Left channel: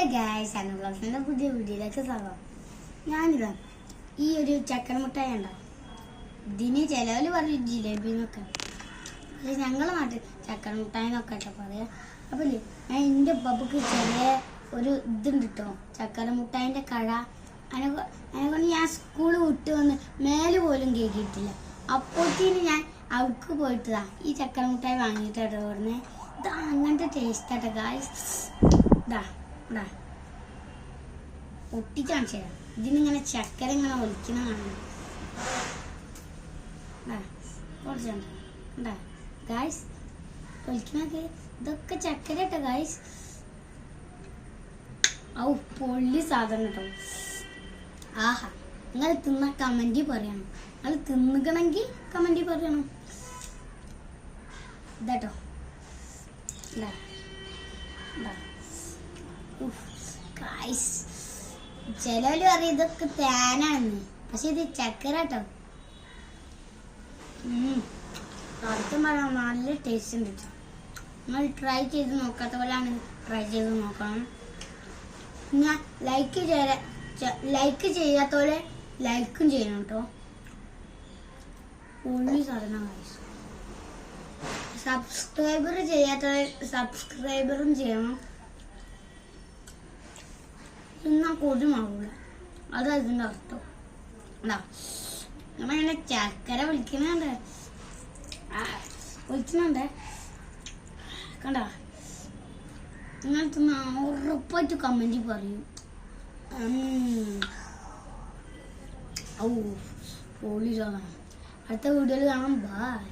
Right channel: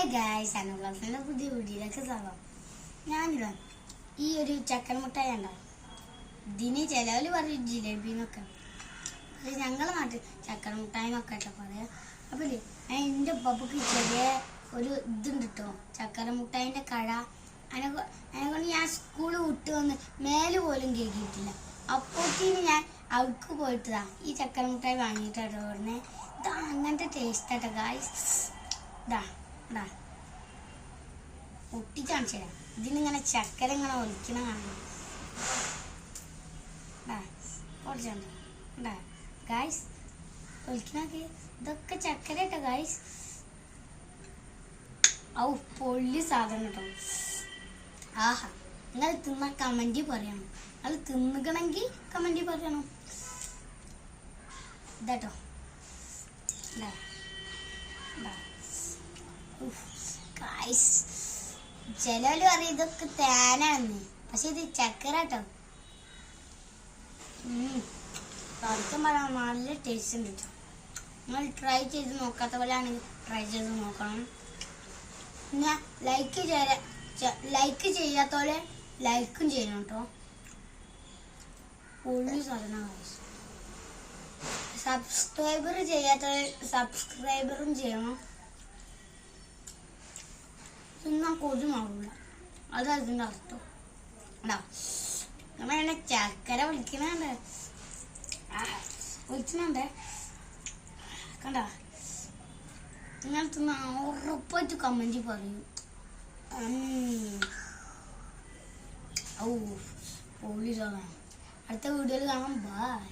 Hello guys അന്നബ്ലോഗ്സിന്റെ പുതിയ വീഡിയോയിലേക്ക് സ്വാഗതം. ഞാനിതാ ഈ ഒരു ചക്കൻ മുട്ടായി ഉണ്ടോ ഇതിന് ചിലവിൽ പറയും ജിലേബി എന്നൊക്കെ. അല്ല ഞങ്ങളെ നാട്ടിൽ ചക്കൻ മുട്ടായി എന്നൊക്കെ കേട്ടോ പറയാ. അപ്പൊ ഞാൻ എന്റെ ഉപ്പക്ക് ചെറിയ ഒരു ഇതുണ്ട് കേട്ടോ ചക്കര മുട്ടായിന്റെ കഴ അതിനെ അതിനെക്കൊണ്ട് ഞാൻ സ്കൂൾ വിട്ട് വന്ന് മേൽ പോലും കേൾക്കിയിട്ടില്ല അപ്പോഴത്തേന് ഞാൻ അവർക്ക് പോയിട്ടതാ ഈ ചക്കര മുട്ടായി വാങ്ങിയിട്ടോ പറഞ്ഞേ. ഇതാ അങ്ങനത്തെ ടേസ്റ്റ് ആട്ടോ ഗായ്സ് ഇതാ. ഇതാ ഒട്ടിക്കാണിച്ചു തരാം. ഇതിനിങ്ങനെ ചക്കര ഇങ്ങനെ ഒലിക്കുന്ന കാണുന്നു ഇതൊക്കെ ചക്കര കേട്ടോ ഗായ്സ് ഔ പൊള്ളി സാധനം കേട്ടോ. ആഹാ നിങ്ങൾ തിന്ന കമന്റ് പറയണം. നിങ്ങൾ തിന്നുകണമെങ്കിൽ കമന്റ് പറയണം. ഇതാട്ടോ. ഇതാ ഇതാ ചിലവര് പറയും ഇതൊക്കെ തേനാണെന്ന് പക്ഷെ ഇത് ചക്കരട്ടോ. പറയാൻ നല്ല ടേസ്റ്റ് ഉണ്ട്. നിങ്ങൾ ട്രൈ ചെയ്ത് നോക്കാത്ത ആണ് ട്രൈ ചെയ്ത് നോക്കണം. ഞാൻ ലൈക്ക് ചെയ്യാ ലൈക്ക് ചെയ്യാത്തോലെ ലൈക്കും ചെയ്യണം കേട്ടോ സബ്സ്ക്രൈബർ ചെയ്യാത്ത സബ്സ്ക്രൈബറും ചെയ്യണം. തിന്നാൻ കൊതുമാവില്ല അതാ ഇതിന്റെ അർത്ഥം. ഉണ്ടാ നമ്മളിങ്ങനെ ചക്കര വിളിക്കുന്നുണ്ട് വിളിക്കുന്നുണ്ട് കണ്ട? തിന്ന ഉറപ്പായിട്ട് കമന്റ് പറയും. ഔ പൊളി അടുത്ത വീഡിയോയിൽ കാണാം. ബൈ